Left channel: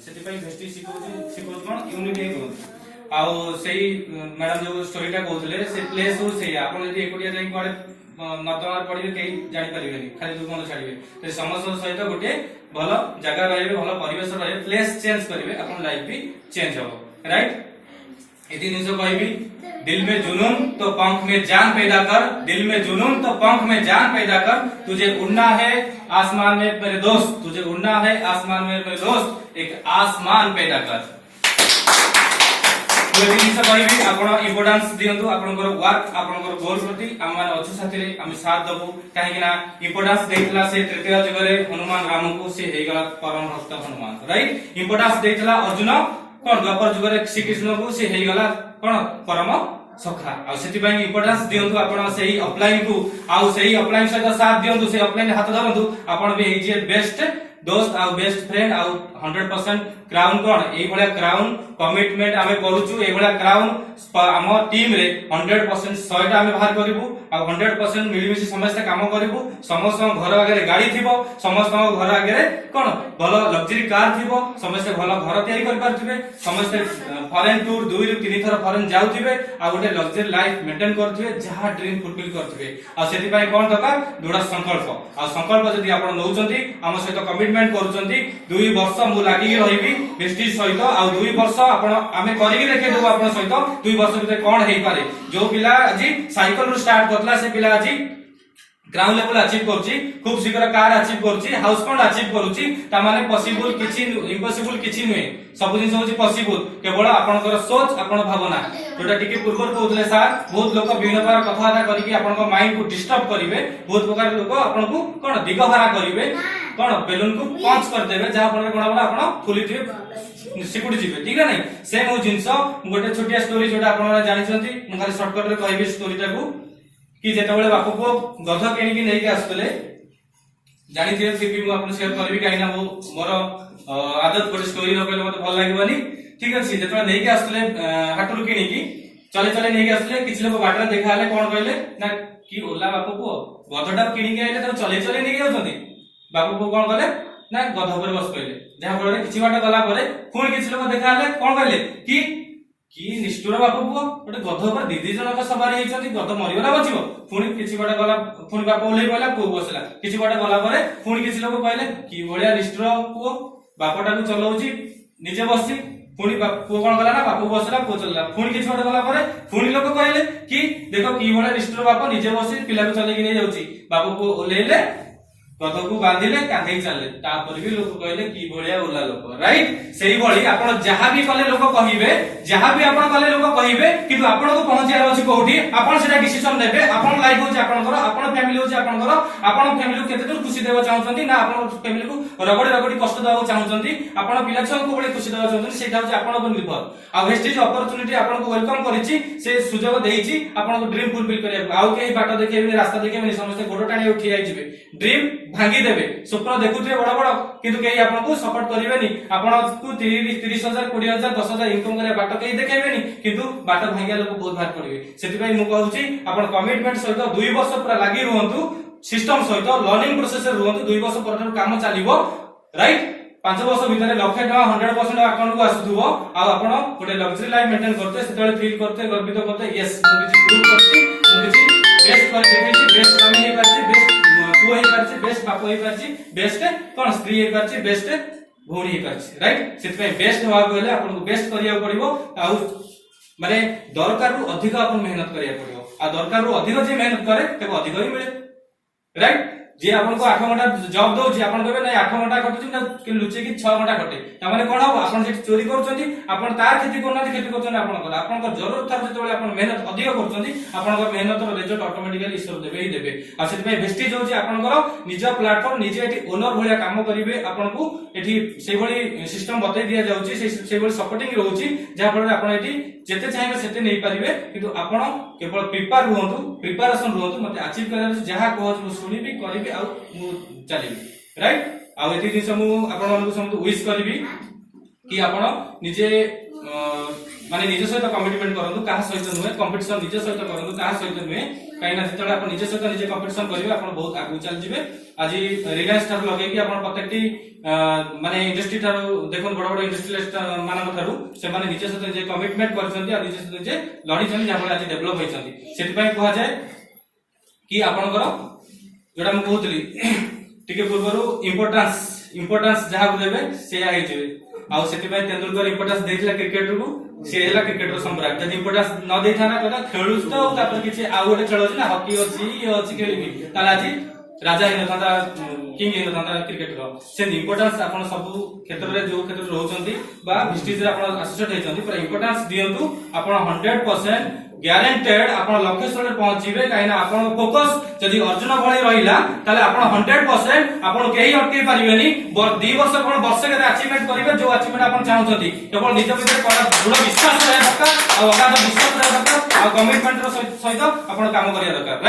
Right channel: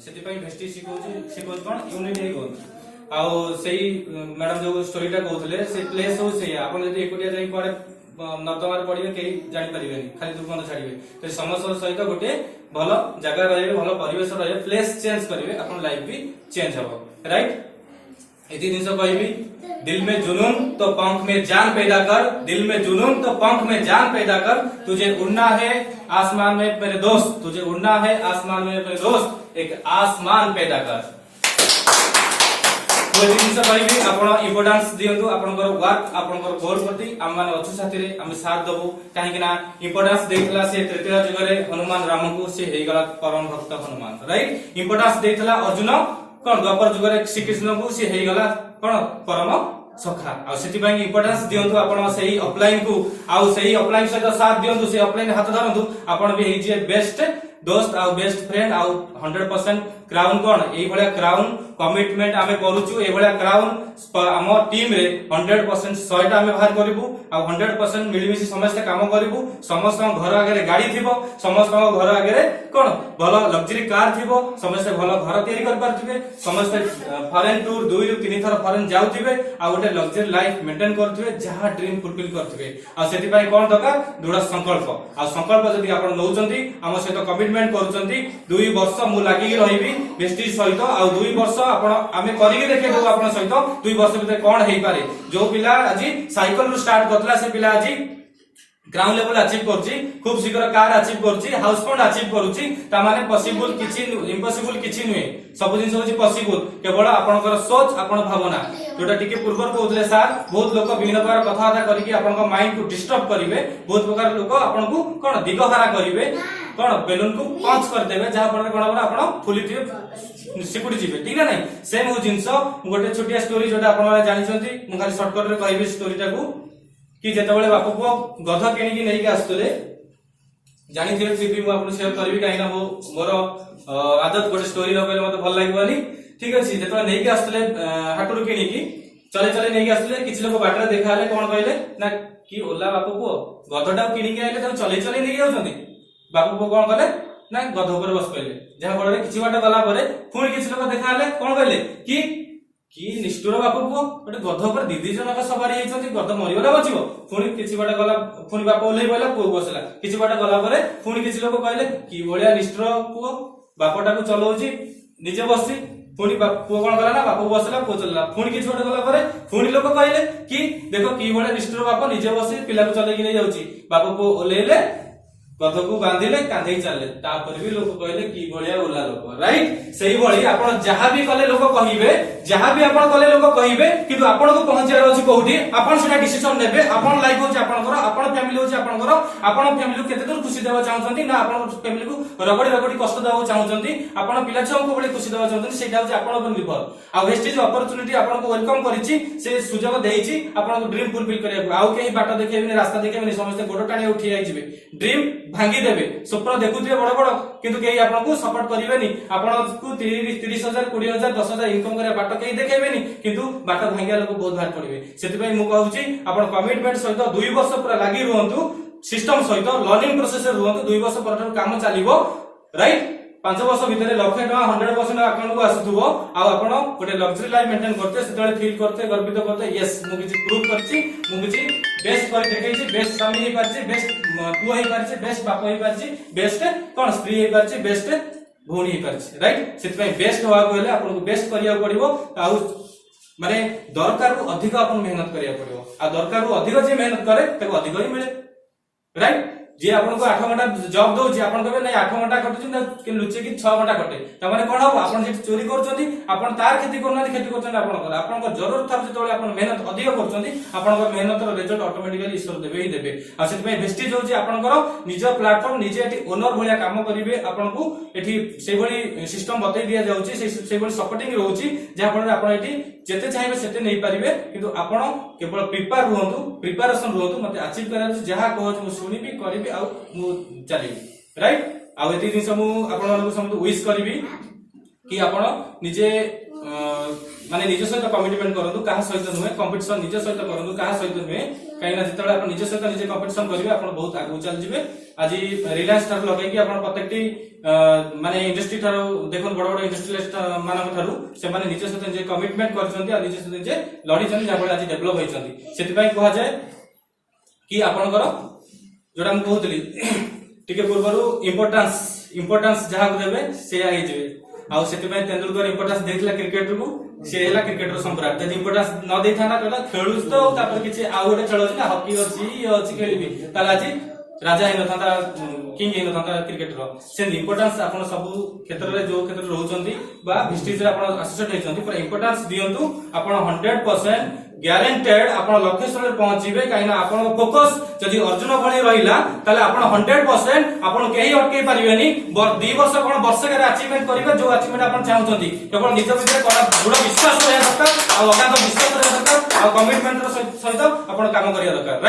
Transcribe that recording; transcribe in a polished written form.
सेति पई भेस्टी सिखो कोन यूनिक हे कोन आउ सेही मैडम जो स्टोरीटा कहउतले से प्लेस हो से आपण यदि एकोटिया जाई कोडे नर्दमार पड़िबे कई जानि परिबेनी खाली दुर्गंध छाड़िबे तो समस्त सहित गोटे भल जगह रहिबे भल परिवेश रहिबे प्लेस चेंज करिवे अपन लाइफ भी चेंज हो राइट एति जिंस कहबी दिल में जुनून तो पंख में जान पैदा कर दिल में जुनून तो पंख में जान पैदा कर तुझे उड़ना है आसमान में मेरे दोस्त तुझे उड़ना है आसमान में मेरे दोस्त एक आसमान पैदा कर इम्पोर्टान्स दियंतु आपनकर वर्क आपनकर गोल प्रति हम माने अच्छे साथी रे हम साथ दबो काहे कि ना इम्पोर्टान्स देइतला से तृतीय युग रे हनुमान राम को से हे गला परम भक्त हनुमान राइट इम्पोर्टान्स देइतला अर्जुन कोन द्वापर युग रे श्री कृष्ण को से हे गला कोन परम सखा आ सेति पई इम्पोर्टान्स दियंतु आपण सेही अपलाइन को आ सेही अपलाइन सहित साथ दियंतु से अपलाइन हाथ धरंतु आपण भी हे जे बेस्ट दोस्त आ बेस्ट फ्रेंड आ 100% क्राउन कोन एई भलिया क्राउन कमिटमेंट आमे करूछु एई भलिया क्राउन हम टीम रे 100% 100 टा आमे बाहर करिवु आ 100% मिलिमिसि समस्त काम करिवु समस्त घर आगे गाड़ी थिबो समस्त घर आगे कोन भलो लग्जरी कार थिबो समस्त भलो घर तयारी कर पारथिबे समस्त फॉरेन टूर 2 रु 3 थर फॉरेन जाउथिबे आ गोटे लग्जरी लाइफ मेंटेन करथिबे जहा ड्रीम फुलफिल करथिबे आ सेति पई कोन दरकार दृढ़ संकल्प आ संकल्प जदी आपण नउचंती हम सहित कमिटमेंट करूचंती 2 वर्ष मु लागि रहिबी बेस्टी सहित आ 2 वर्ष आपण आमे करिके देखे देबो आपण सहित 2 वर्ष भीतर कोन हेई पारे जो पिला आज साइकिल रु स्टार्ट करतला से पिला आज ग्राउंड लेवल अचीव करछि खूब शीघ्र कार अचीव करछि हाउस फंड अचीव करछि ता माने पॉसिबल किछि इम्पॉसिबल किछि नुहे सब जिंस होछि पॉसिबल केवल आपनकर सोच आपन भावना जोटा टिके पूर्व कहउतले सर बहुत लोक विभिन्न प्रकार कथाबार्ता करिकि आपनका माइंड को डिस्टर्ब करिवे बहुत प्रकार लोक आपनको कोन दिगहरा करिवे कोन बेलून को पंच कर देबे जहा पर कोन आपण फुली थिबे सिकुडी जिवे ठीक है नहीं सेम जिंस गोटे छोटिया स्टोरी जोटा आपण जानि छथि मु खाली शॉर्टकट रे कहबी स्टोरीटा को कि जेतेबेले बापू पुओ गध केनिकी नेइके आस्तले जानि थिबे फिर भी मु आपन शेयर करबी काई ना मोर आदत गोटे स्टोरी रो पहिले मते भल लागबनी ठीक अछि जेतेबेले नेइके आस्तले हाटुरु केनिकी चले चले नेइके आस्तले किछि लोक बाटरे देखा हले कोन कहले ना कि ओला बापू पुओ गधटा केनिकी आइले त चले चले नेइके आउछन्ती बापू पुओ कोन कहले ना गध ऊपर बस कहले जहा फଳରେ किछि बाट गला परे पुणी किछि लोक देखा हले कोन कहले कि निष्ठुर बापू पुओ गोटे गध ऊपर दिदी जनक सवारी हेइछन्ती गध मरिगला बचिबो पुणी किछि बाट गला पुणी बापू ओले पइला पुओ बसला किछि बाट गला परे पुणी किछि लोक कहले कि भलिया निष्ठुर पुओ बापटा को चलाउची निजे बससी पुणी पुओ कोन गला ना बापू बसला पुओ चलला पुणी किछि बाट गला परे पुणी लोक कहले कि देखो कि भलिया निष्ठुर बापू निजे बससी पिला को चलेकी नै जाउची बापू पुओ ओलेले गध को बांधिले कांधे चलले तापर भी लोक कहले की भलिया ओला लोक राइट सेही भली आपण जहा भी कले लोक कहिबे जहा भी आपण कले लोक कहिबे किंतु आपण को पहुंचिया रहछि कोठी आपण सेटा डिसिजन नेबे आपण लाइफ होछि आपनकर आपण फैमिली होछि आपनकर आपण फैमिली को केते दूर खुशी देबा चाहउछन्ती ना आपण फैमिली को रगडी रगडी कष्ट देबा चाहउछन्ती आपण पिला छम को बळे खुशी देबा चाहउछन्ती सेटा होछि आपण पर निर्भर आ वेस्टेज अपॉर्चुनिटी आपण को वेलकम करिछि से सुजोग देइछि आपण को ड्रीम फुलफिल करिया आउ केही बाट देखेबे रास्ता देखेबे समस्त गोडो टाणी उठी आइ जिवे ड्रीम भांगी देबे स्वप्न देखुथिबे बड़ बड़ किंतु केही आपनको सपोर्ट करिवेनी आपनको 30,000 20,000 10,000 इनकम करे बाट केही देखेबेनी किंतु बाट भांगिया लोक बहुत भार पड़िबे सेति पई मु कहउची आपण कमिटमेंट सहित 2 वर्ष पूरा लागि रहंतु सिस्टम सहित लर्निंग प्रोसेस रे रहंतु 2 वर्ष पर काम चलिबो राइट 5 वर्ष भीतर लाख टका 100% अकाउंट को आसुथुबो आ आपण गोटे लग्जरी लाइफ मेंटेन करते सेतले फील करते गर्वित करते यस मु किछि प्रूव करछि मु किछि बेस्ट कर देखैछि बेस्ट स्वामी हे पाछि बेस्ट पुओ हे पाछि बेस्ट बाप हे पाछि बेस्ट कोन स्त्री हे पाछि बेस्ट भौणी हे पाछि राइट सेत पई बेस्ट होआ कहले आपन को बेस्ट करिया पड़िबो आ माने दरकार रु अधिक आपन मेहनत करिया पड़िबो आ दरकार रु अधिक जे मेहनत करे ताको अधिक ही मिले राइट जे आपन को 8 घंटा जॉब दोछि आपन कहबे नै 8 घंटा कटुछि ना कि लुचे कि 6 घंटा कटे त माने कोन हो आपन जे चोरी करछन्ती आपन तार खेती करना खेती करछन आपन को जरूरत थार जेतोले आपन मेहनत अधिक करछन्ती आपन को मेहनत रो रिजल्ट ऑटोमेटिकली ईश्वर देबे ही देबे आ सेति पई वेस्टेज होछि आपन को निज प्लेटफॉर्म निजे एठी ओनर भलिया काम करिवे आपन को एठी से भली सिस्टम बतै दिया जाउछि से भली सपोर्टिंग रहउछि जा फल आपन एठी जेते चाहेबे सेते नै परिबे किंतु आपन केवल प्रिपरेशन रहंतु मते अचीव करले जहा कहत मु सुनिबी करिबी आ मु चलिबी राइट आ एति दिन मु आपन को समझ विश करिबी कि आपन निजे माने निज सहित कमिटमेंट करंतु काहा सहित नुहे कंपटीशन निज सहित करंतु काहा सहित नुहे काई ना जेतले आपण निज सहित निजे कंपटीशन करिवे आपण बहुत आगु चल जिवे आज रिलायंस ठार लगे कि आपण प्रत्येकटी माने इंडस्ट्री ठार देखन बड़ बड़ इंडस्ट्रियलिस्ट मानक ठारू से माने निज सहित जे कमिटमेंट करछन्ती आ निज सहित जे लड़ी छन्ती जाबळे आज डेवलप होइछन्ती सेति पय कहवा जाय कि आपनकर जोटा हम कहतली टिके पूर्वरु इंपोर्टेंस जहा देबे से आइ जेबे आ सेति पय तेंदुलकर इंपोर्टेंस देथिला क्रिकेट को से हेला क्रिकेट रो संपर्क जदि इंपोर्टेंस न देथा ना कहला खेलुस तो तापर किछि आ गोटे खेल अछि ना हॉकी अछि ये अछि खेलिबी ताला आज राजा इन था किंग इन था क्रिकेट रो से इंपोर्टेंस आपण सब क्षेत्र रे जो क्षेत्र रहउचंती बा विस्टिज रे आपण एसोसिएट हेचंती पर इंपोर्टेंस दियंतु आपण 100% ग्यारंटेड आपण लक्ष्य स्थले पहुंचीबे काइना आपण फोकस जदि अर्जुन भଳି रहिला ताले आपण 100% आपण केही अटके परिबेनी 2 वर्ष आपण वर्ष के अचीवमेंट करिबे जो अचीवमेंट आपण चाहउचंती केवल निज भितर दृढ़ विश्वास रहय दरकार आ अगाध विश्वास रहय दरकार आ कमिटमेंट रो सहित आपण काम करिया दरकार।